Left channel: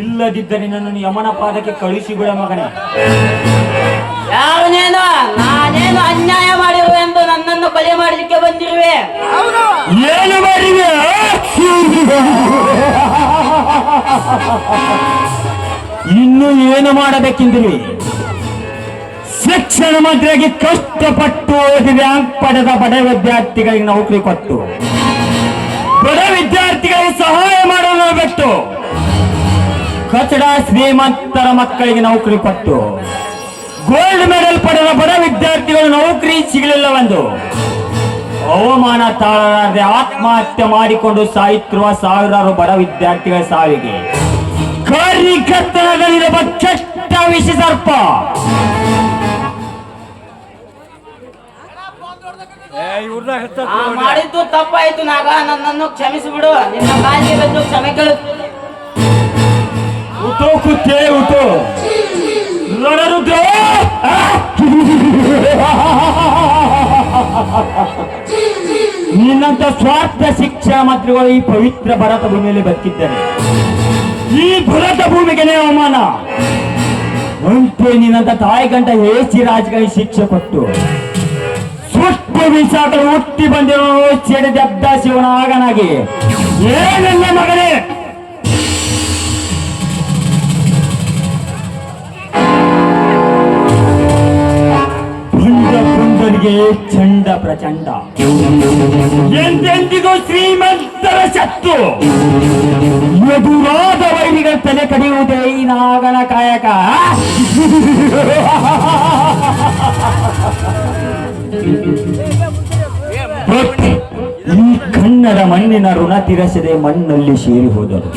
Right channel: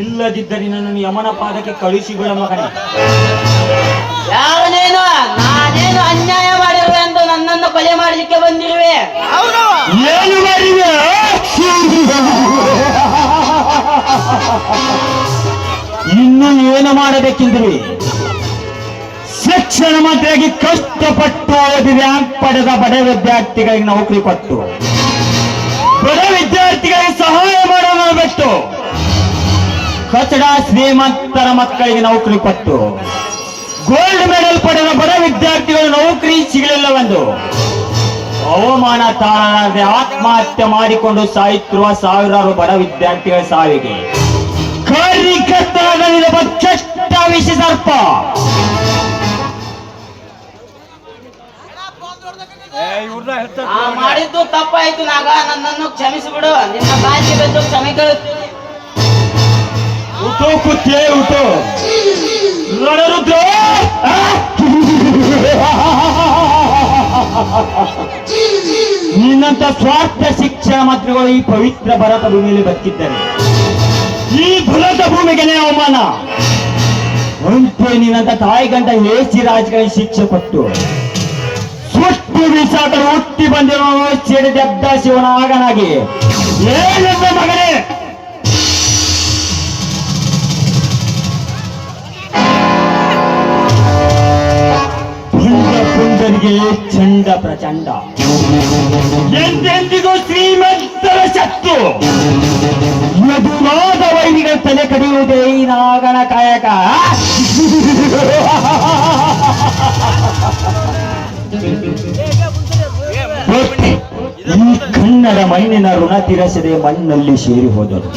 ಇಲ್ಲದಿದ್ದರೆ ನನ್ನನ್ನು ಯಮನ ಪಾದಕ್ಕೆ ಕಳುಹಿಸಿಬಿಡ ಮಗನೇ. ಯಾರನೇನು ನಾನೇನು ಅನ್ಯಾಯ ಮಾಡಿರುವೆ ಅಂತ ನನ್ನನ್ನು ಕೊಲೆ ಮಾಡಲಿಕ್ಕೆ ಬಂದಿರುವೆ? ಏನು ಮಾಡಿದೆ? ಇನ್ನು ಏನು ಮಾಡಬೇಕೆಂದಿರುವೆ? ಶಿಕ್ಷಣ ಮಂತ್ರಿಯಾಗಿ ಕಷ್ಟಪಟ್ಟು ಓದಿದ ಪಡೆದ ಬಡ ವಿದ್ಯಾರ್ಥಿಗಳಿಗೆ ನೌಕರಿ ಕೊಟ್ಟು ಬಡ ವಿದ್ಯಾರ್ಥಿಗಳಿಗೆ ಸಹಾಯ ಮಾಡೋದು ಬಿಟ್ಟು ಕಚಡ ಶ್ರೀಮಂತರ ಮಕ್ಕಳಿಗೆ ನೌಕರಿ ಕೊಟ್ಟು ಗೋಲ್ಡ್ ಮೆಡಲ್ ಪಡೆದ ಬಡ ವಿದ್ಯಾರ್ಥಿಗಳು ನೌಕರಿ ಸಿಗಲಿಲ್ಲವೆಂದು ಅವಮಾನ ತಾಳಲಾರದೆ ಆತ್ಮಹತ್ಯೆ ಮಾಡಿಕೊಂಡು ಸಾಯುತ್ತಿರುವ ಸಾವಿರಾರು ಬಡ ವಿದ್ಯಾರ್ಥಿಗಳ ಸಾವಿಗೆ ಕಾರ್ಯಕರ್ತರಾಗಲಿರುವ ಕೆಟ್ಟ ವಿಷ ಸರ್ಪ ಮಾಡಿದ್ದು ತಪ್ಪಾಯ್ತು ನಾಗ, ನನ್ನನ್ನು ಕ್ಷಮಿಸಿಬಿಡು. ನಿನ್ನ ಕಾಲಿಗೆ ಕ್ಷಮೆ ಕೇಳುತ್ತೇನೆ. ಉಟೋ ಕುತ್ತೇ ಉಟೋ ನರರುದ್ರ ನಿನ್ನಂತ ಸ್ವಾರ್ಥ ಶಿಕ್ಷಣ ಮಂತ್ರಿಗಳು ಈ ಪವಿತ್ರ ಭಾರತ ಭೂಮಿಯಲ್ಲಿ ಬದುಕಿದ್ದಾರೆ. ಈ ಭಾರತ ಭೂಮಿಗೆ ಅವಮಾನ ಅಂತೆ ನಿನ್ನಂತ ತಾಯಿ ಗಂಟ ಏಸಿ ರಾಜಗಳಿಗೆ ಶಿಕ್ಷೆ ಕೊಟ್ಟು ಸುಟ್ಟು ಬೀಸಾಟ ಹುಟ್ಟಿ ಬಂದಿರುವ ಸಿಡಿದದ್ದ ಶಿವನ ಆಗನಾಗಿ ಏನನ್ನ ಮಗನೇ ಪುಂಡರಿಗೆ ಚಂಡ ಪ್ರಚಂಡ ಎಂದೆಂದಿಗೂ ಶ್ರೀಮಂತರ ಶಕ್ತು ಮಧುರಾದ ವೈರಿಗಳ ತಲೆ ಕಡಿಯುವುದೇ ಈ ನಾಗನ ಕಾಯಕ. ಈ ಕನ್ನಡ ಮಣ್ಣಿನ ಋಣ ತೀರಿಸದೆ ಮಣ್ಣಲ್ಲಿ ಸೇರಿ ಹೋದರು.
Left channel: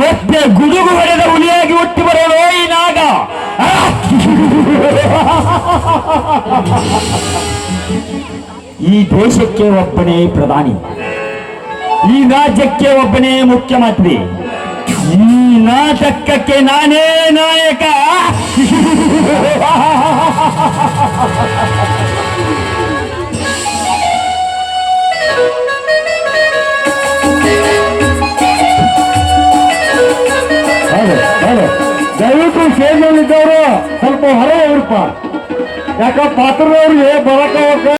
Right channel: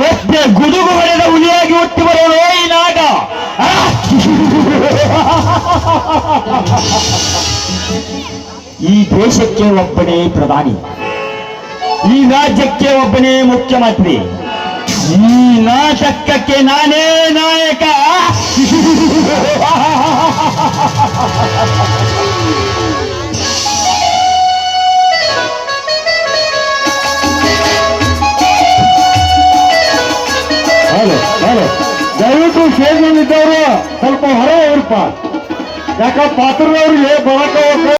ಮತ್ತೆ ಗುಡುಗು ಹೊಡೆದ ಹುಲಿಯಾಗಿ ಹುಟ್ಟಿ ಬರೋದು ಈ ನಾಗ. ಈ ದೇಶಕ್ಕೆ ಒಬ್ಬನೇ ಪ್ರಧಾನಿ, ಈ ರಾಜ್ಯಕ್ಕೆ ಒಬ್ಬನೇ ಮುಖ್ಯಮಂತ್ರಿ, ಈ ನಾಟಕಕ್ಕೆ ನಾನೇ ನಾಯಕ. ದಯವಿಟ್ಟು ಸೇರಿದವರು ಸ್ವಲ್ಪ ಹೊರಗೆ ಇರಪ್ಪ, ಯಾಕ ಪಾತ್ರದವ್ರಿಗೆ ಬರಕ